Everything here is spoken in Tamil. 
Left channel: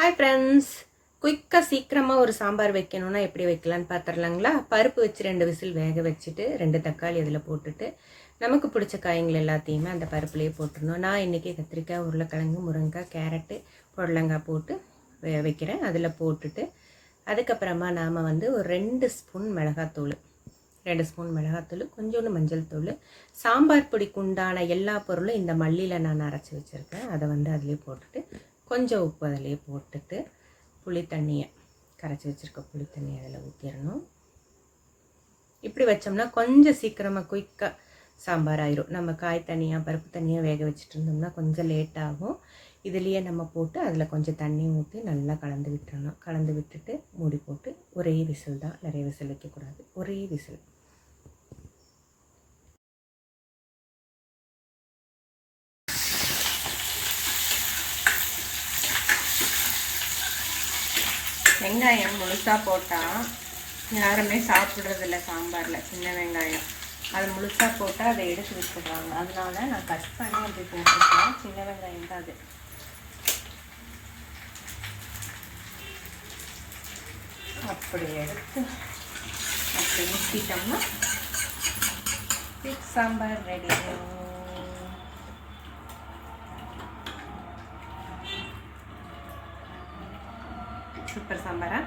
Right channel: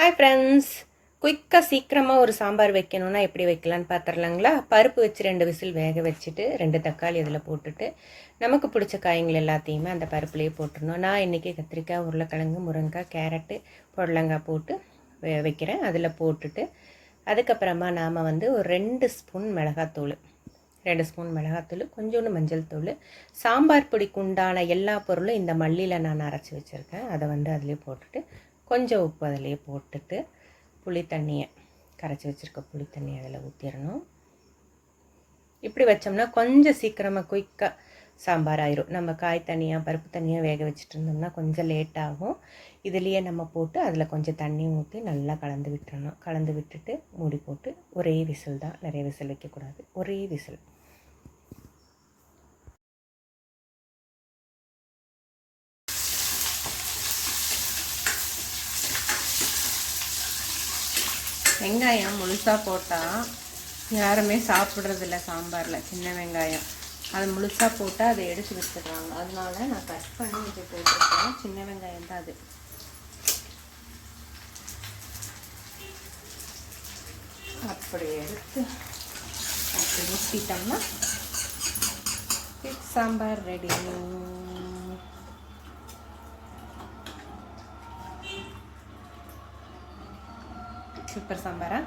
ஹாய் ஃப்ரெண்ட்ஸ், குயிக்காக சீக்கிரமாக ஒரு சாம்பார் வைக்கணுன்னா எப்படி வைக்கலான்னு பார்த்துடலாங்களா? பருப்பு வச்சு 2 விசில் வேக வச்சுட்டு 2 தக்காளி அதில் போட்டுட்டு நமக்கு பிடிச்ச காய்கள் எல்லாத்தையுமே அந்த பருப்புலேயே போட்டுடணும். நான் இன்றைக்கி கத்திரிக்காய், உருளைக்கிழங்கு, முருங்கைக்காய், கேரட்டு, புடலங்காய் போட்டு வைக்கிறேன். அதில் போட்டுட்டு அதுக்கப்புறமா நாம் ஒரு 2 ஸ்பூன் மிளகாத்தூள், 2 ஸ்பூன் மிளகாத்தூள், கொஞ்சோண்டு மஞ்சள் தூள், சாம்பார் பொடிக்கு உண்டான எல்லா பொருளும் இந்த மல்லியில் நான் அரைச்சி வச்சுருக்கேன். அதை அதிலே போட்டுட்டு கொஞ்சம் உப்பு அதிலே போட்டுட்டு புளி தண்ணியை கரைச்சி வச்சுருக்க புளி தண்ணியை அதில் ஊற்றிடணும். இப்படி வச்சோம்னா கொஞ்சம் சீக்கிரமாக குயிக்காக சாம்பார் ஆயிரும். நம்ம காய் தனியாக பருப்பு தனியாக வேக வச்சுட்டு இருந்தோம்னா கொஞ்சம் லேட் ஆகும். இதுலேயே நம்ம போட்டு அதில் கொஞ்சம் தண்ணி ஊற்றி நல்லா கலந்து விட்டுறணும். கலந்து விட்டுட்டு மூடி போட்டு ஒரே விசில் தான், நிறைய விசில் வைக்கக்கூடாது, ஒரே விசில். வெங்காயம் முழுசாக போட்டால் யாருமே சாப்பிட்றதில்ல சாம்பாரில். சின்ன வெங்காயம் அது முழுசாக போட்டால் அதை எடுத்து வச்சுடுறாங்க. அதனால நான் கட் பண்ணி அதை போட்டுருக்கேன். சின்ன வெங்காயம் தான் அது. அப்படி எடுத்து அப்படி ஊற்றிட்டோம்னா சாம்பார் ரெடி. சூப்பர் சாம்பாரா?